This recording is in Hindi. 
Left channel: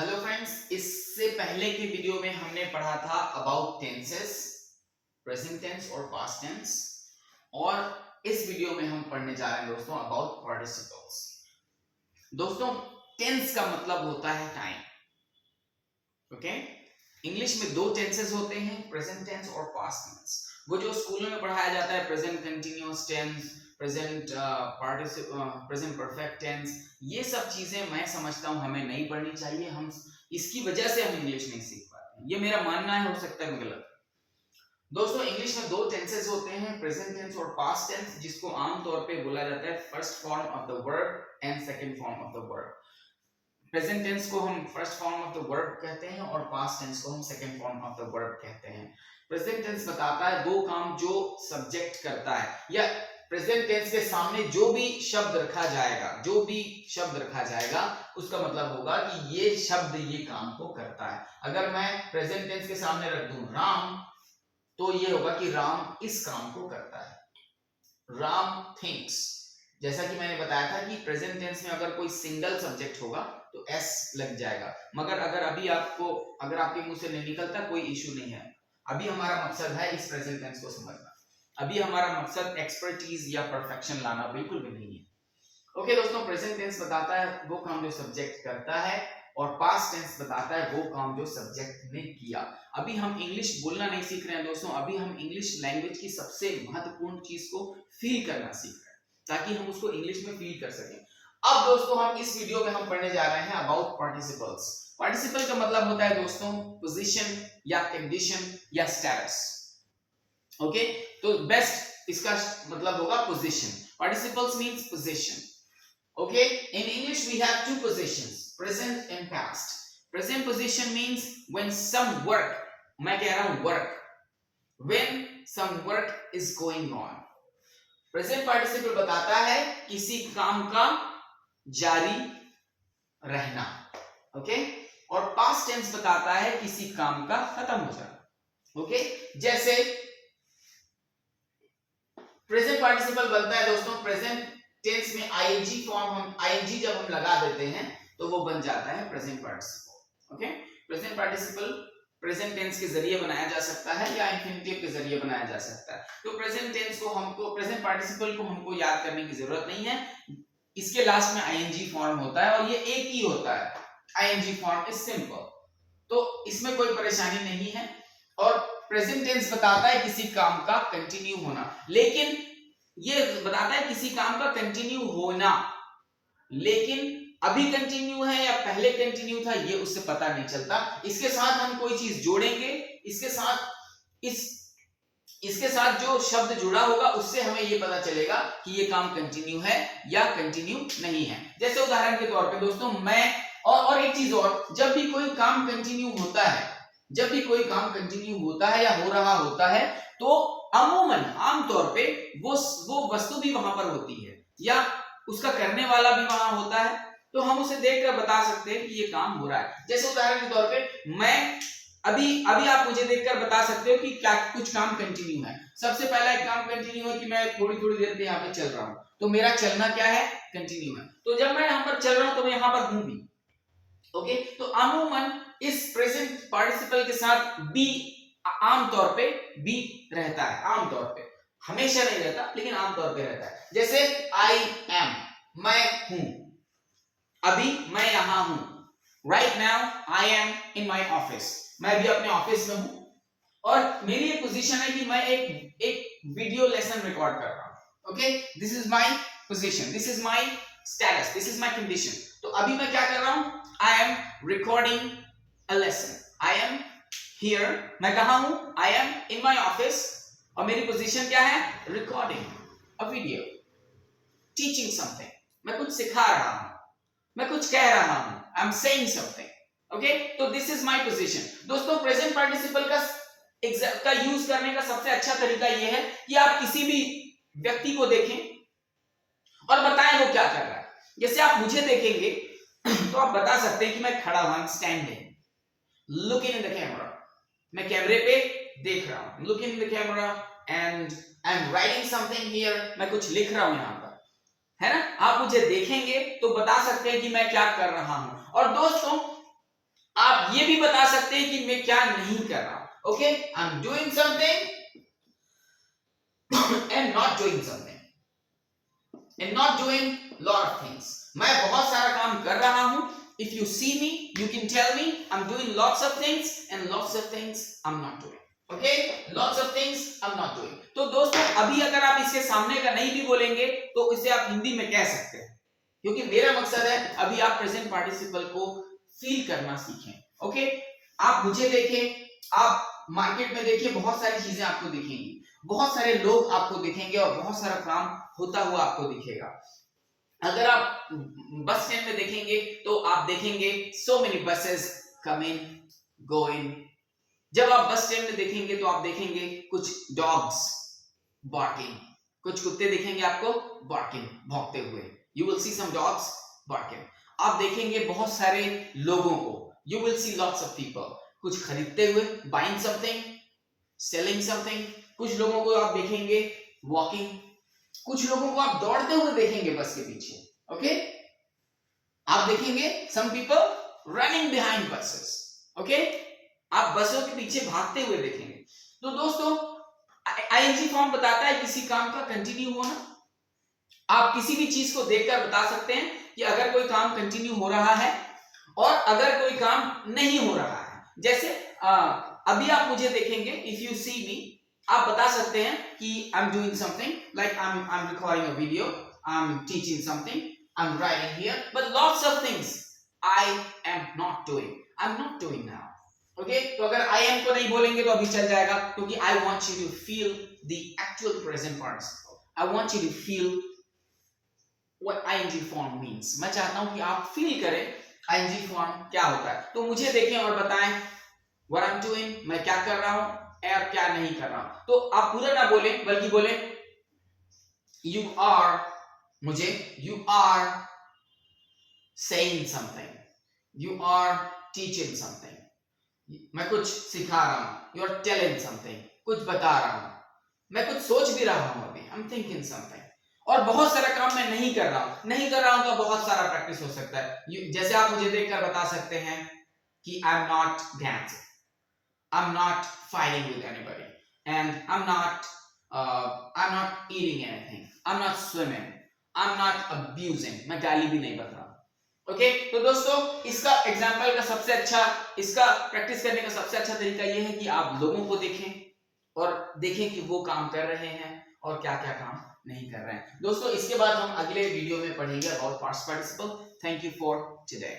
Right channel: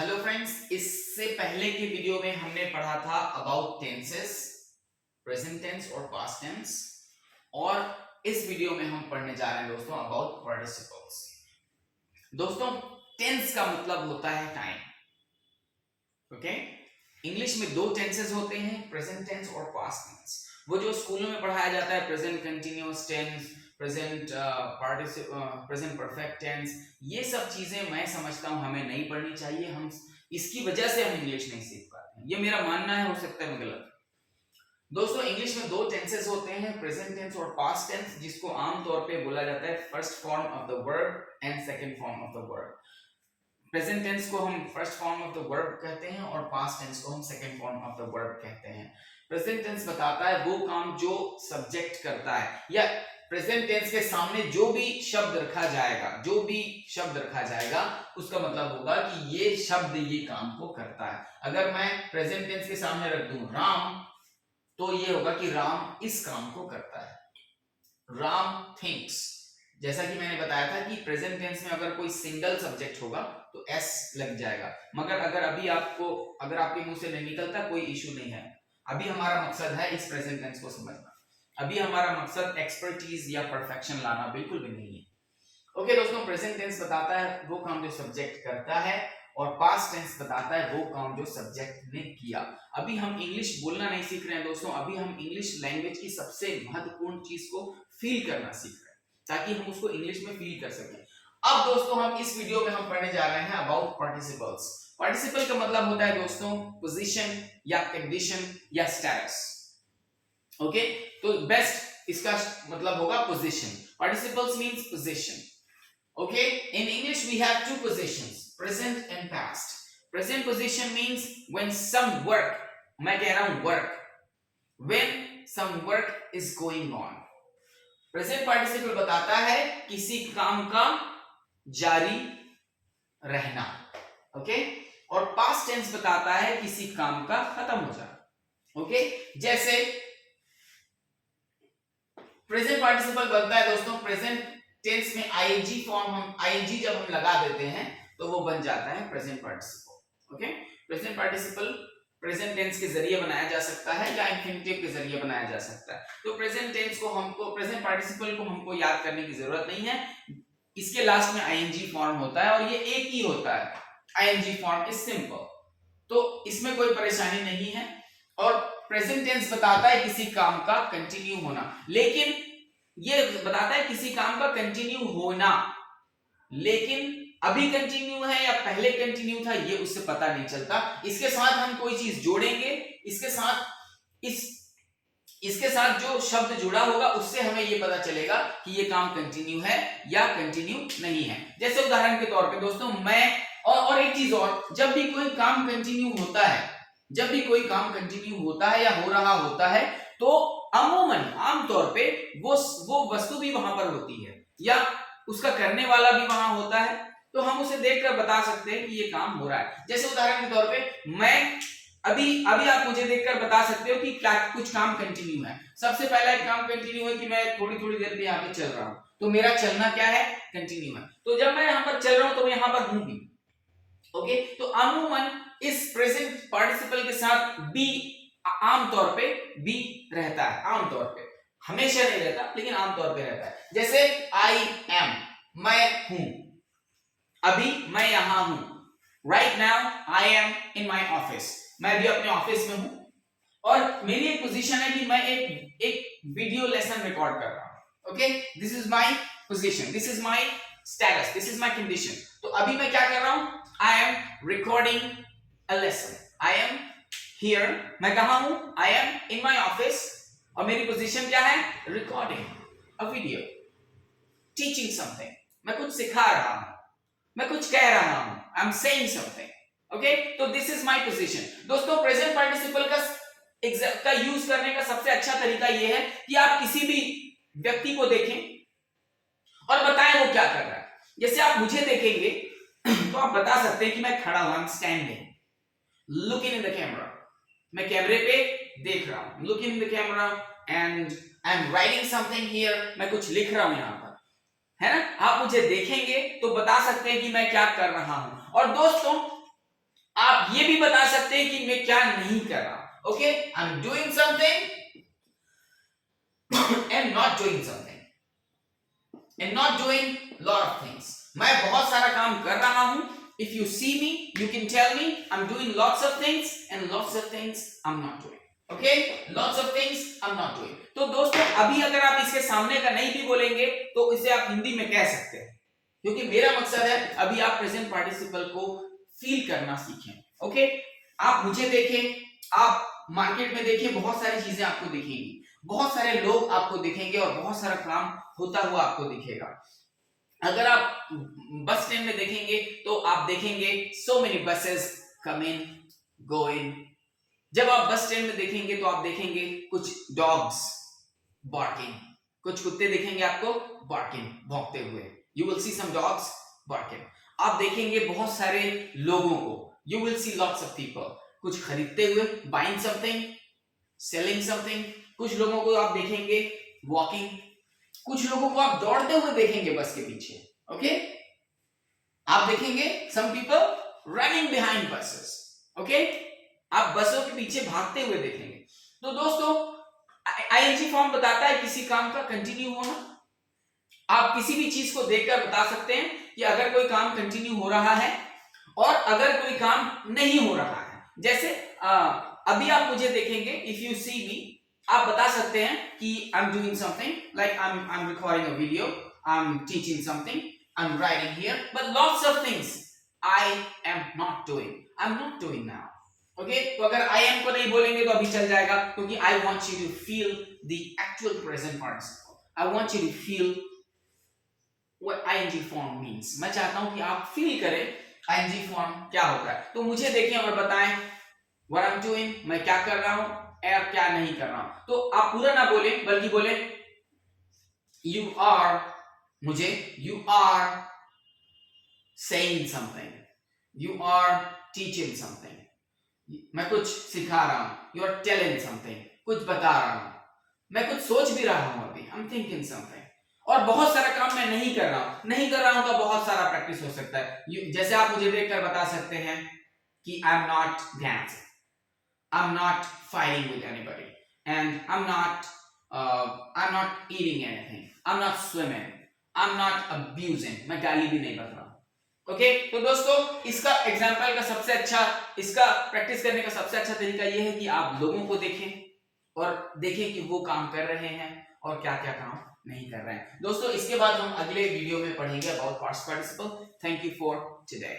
हेलो फ्रेंड्स, इससे पहले की वीडियो में हमने पढ़ा था अबाउट टेंसेस, प्रेजेंट टेंस और पास्ट टेंस। और इस वीडियो में हम पढ़ने जा रहे हैं दोस्तों अबाउट पार्टिसिपल्स। दोस्तों, टेंस का मतलब होता है टाइम। ओके, इंग्लिश में दो टेंसेस होते हैं, प्रेजेंट टेंस और पास्ट टेंस। वो जो स्कूलों में पढ़ाया जाता है, present continuous tense, present present perfect tense, ये सब चीजें मैं समझता हूं हमें नहीं पढ़नी चाहिए। हम इसकी वजह से हम इंग्लिश नहीं सीख पाते हैं, ये मेरा मानना है, हो सकता है मैं गलत। दोस्तों, इंग्लिश में दो टेंसेस होते हैं, प्रेजेंट टेंस और पास्ट टेंस, जिसको आमतौर पे बोला जाता है first form of the verb and second form of the verb. Present tense को हम first form of the verb कहते हैं और पास्ट टेंस को हम second form of the verb कहते हैं। प्रेजेंट टेंस बताता है वो काम जो सब्जेक्ट करता है, या प्रेजेंट टेंस के सामने जो भी शब्द रखा जाएगा उसका मतलब होगा कि ये शब्द ये काम को करता है। अगर मैं प्रेजेंट टेंस के सामने रख दूं राम, तो ये होगा कि राम इस काम को करता है। राम थिंक्स। जैसा कि मैंने बताया था कि प्रेजेंट टेंस में अगर कोई सिंगल सब्जेक्ट होगा तो एस लग जाएगा, मगर अगर आपके मुंह से नहीं निकलता, कोई इश्यू नहीं है। अभी हमारा मकसद है इस प्रेजेंट टेंस को समझना। अभी हमारा मकसद एक्सपर्टीज या परफेक्शन लाना बिल्कुल भी नहीं है। ओके दोस्तों, प्रेजेंट टेंस बताता है वो काम जो सब्जेक्ट करता है और पास्ट टेंस बताता है वो काम जो सब्जेक्ट ने किया। अभी हम इंग्लिश बोलना नहीं सीख रहे हैं दोस्तों, अभी हम इंग्लिश लैंग्वेज की सबसे महत्वपूर्ण चीज को फील करना सीख रहे हैं ताकि हम उसको इंग्लिश में फील कर सकें। अब दोस्तों, हम इस वीडियो में हम पढ़ने जा रहे हैं अबाउट पार्टिसिपल्स। पार्टिसिपल का मतलब होता है दोस्तों पोजीशन या कंडीशन या स्टेटस। ओके, तो बेस्ट इसका मतलब होगा position. Participles means position. Okay, in English we have two positions, present and past. Present position means when some work, मैं कह रहा हूं work, when some work is going on. Present participle बताता है किसी काम का जारी रहना, ओके, और past tense बताता है किसी काम का खत्म हो जाना। ओके, जैसे प्रेजेंट पार्टिसिपल बनता है दोस्तों प्रेजेंट टेंस में आईएनजी फॉर्म, हम आईएनजी जब हम लगा देते हैं तो वो बन जाता है present participle. Okay, present participle present tense के जरिए बनाया जा सकता है या इंफिनिटिव के जरिए बनाया जा सकता है। तो प्रेजेंट टेंस को हमको, प्रेजेंट पार्टिसिपल को हमको याद करने की जरूरत नहीं है, इसके लास्ट में आईएनजी फॉर्म होता है और ये एक ही होता है। आईएनजी फॉर्म इज सिंपल, तो इसमें कोई परेशानी नहीं है। और प्रेजेंट टेंस बताता है किसी काम का कंटिन्यू होना, लेकिन ये बताता है किसी काम का कंटिन्यू होना, लेकिन अभी कंटिन्यू है या पहले कंटिन्यू था ये उससे पता नहीं चलता। इसके साथ हम कोई चीज जोड़ेंगे, इसके साथ जो शब्द जुड़ा होगा उससे हमें ये पता चलेगा कि ये काम कंटिन्यू है या कंटिन्यू नहीं है। जैसे उदाहरण के तौर पे दोस्तों, मैं और एक चीज और, जब भी कोई काम कंटिन्यू होता है, जब भी कोई काम कंटिन्यू होता है या हो रहा होता है, तो अमूमन आमतौर पे वो वस्तु भी वहां पर होती है या उसका करने वाला भी वहां होता है, तो हम उसे देखकर बता सकते हैं कि ये काम हो रहा है। जैसे उदाहरण के तौर पे, मैं अभी आप मुझे देखकर बता सकते हो कि क्या कुछ काम कंटिन्यू है। सबसे पहला एक काम कंटिन्यू है कि मैं थोड़ी देर पे यहाँ पे चल रहा हूं, तो मेरा चलना क्या है, कंटिन्यू है। तो जब मैं यहाँ पर चल रहा हूं तो मैं यहाँ पर हूं भी। ओके, तो अमूमन इस प्रेजेंट पार्टिसिपल के साथ बी आमतौर पे बी रहता है, आमतौर पे, हमेशा नहीं रहता लेकिन आमतौर पे रहता है। जैसे आई एम, मैं हूं, अभी मैं यहां हूं, right now I am in my office, मैं भी अपने ऑफिस में हूं और मेरी एक पोजीशन है कि मैं एक वीडियो लेसन रिकॉर्ड कर रहा हूं। Okay, this is my position, this is my status, this is my condition. तो अभी मैं क्या कर रहा हूं, I am recording a lesson. I am here. मैं कहा हूं, I am in my office और मेरी पोजीशन क्या है, recording a video, teaching something. मैं कुछ सिखा रहा हूं, मैं कुछ कह रहा हूं, I'm saying something. Okay, तो this is my position. दोस्तों, प्रेजेंट पार्टिसिपल का यूज करने का सबसे अच्छा तरीका यह है कि आप किसी भी व्यक्ति को देखें और बताएं वो क्या कर रहा है। जैसे आप मुझे देखेंगे तो आप बता सकते हैं कि मैं खड़ा हूं, standing, looking in the camera, मैं कैमरे पे देख रहा हूं, looking in the camera and I am writing something here, मैं कुछ लिख रहा हूं यहां पर, है ना। आप मुझे देखेंगे तो बता सकते हैं कि मैं क्या कर रहा हूं। और दोस्तों, आप ये भी बता सकते हैं कि मैं क्या नहीं कर रहा हूं. Okay, I am doing something and not doing something and not doing lot of things. मैं बहुत सारा काम कर रहा हूं. If you see me, you can tell me I'm doing lots of things and lots of things I'm not doing. Okay? Lots of things I'm not doing. तो दोस्तों अभी अगर आप इसके सामने का नहीं भी बोलेंगे तो इसे आप हिंदी में कह सकते हैं, क्योंकि मेरा मकसद है अभी आप प्रेजेंट पार्टिसिपल को फील करना सीखें. ओके, आप मुझे देखें, आप मार्केट में देखिए, बहुत सारी चीजें आपको दिखेंगी, बहुत सारे लोग आपको दिखेंगे और बहुत सारा काम होता हुआ आपको दिखेगा. अगर आप बस स्टैंड में देखेंगे तो आप देखेंगे so many buses coming going. जब आप बस स्टैंड में देखेंगे तो आप देखेंगे कुछ डॉग्स barking, कुछ कुत्ते दिखेंगे आपको barking, भौंकते हुए. You will see some dogs barking. आप देखेंगे बहुत सारे लोगों को, you will see lots of people, कुछ खरीदते हुए buying something, selling something. कुछ लोगों को आप देखेंगे walking, कुछ लोगों को आप दौड़ते हुए देखेंगे बस के पीछे. ओके, आप देखेंगे some people running behind buses. Okay, आप बसों के पीछे भागते हुए देखेंगे. तो दोस्तों आईएनजी फॉर्म बताता है किसी काम का कंटिन्यू होना. आप किसी भी चीज को देखकर बता सकते हैं कि अगर कोई काम कंटिन्यू हो रहा है और अगर कोई काम नहीं हो रहा है. जैसे अभी आप मुझे देखेंगे, इफ यू सी मी, आप बता सकते हैं कि I'm doing something, like I'm recording a video, I'm teaching something, I'm writing here, but lots of things I am not doing. I'm not doing now. Okay? तो अगर I am को नहीं बोलेंगे तो अभी चल जाएगा, क्योंकि I want you to feel the actual present participle. I want you to feel what ing form means. मैं चाहता हूं कि आप फील करें ing form क्या होता है. तो मुझे देखें और बताएं what I'm doing, मैं क्या कर रहा हूं और क्या नहीं कर रहा हूं. तो आप पूरा ना बोले बल्कि बोले you are, मुझे you are saying something, you are teaching something, मैं कुछ सिखा रहा हूं, you are telling something, कुछ बता रहा हूं, मैं कुछ सोच भी रहा हूं अभी, I'm thinking something. और बहुत सारा काम मैं नहीं कर रहा हूं. नहीं कर रहा हूं का बहुत सारा प्रैक्टिस हो सकता है. जैसे आप मुझे देखकर बता सकते हैं कि I'm not dancing, I'm not fighting with anybody, and I'm not eating anything, I'm not swimming, I'm not abusing. मैं गाली भी नहीं बता रहा. ओके, तो दोस्तों इसका एग्जाम्पल का सबसे अच्छा, इसका प्रैक्टिस करने का सबसे अच्छा तरीका यह है कि आप लोगों को देखें और देखें कि वो काम कर रहे हैं और क्या क्या काम नहीं कर रहे हैं. दोस्तों इसके बाद हम अगले वीडियो में पढ़ेंगे about past participle. Thank you for today.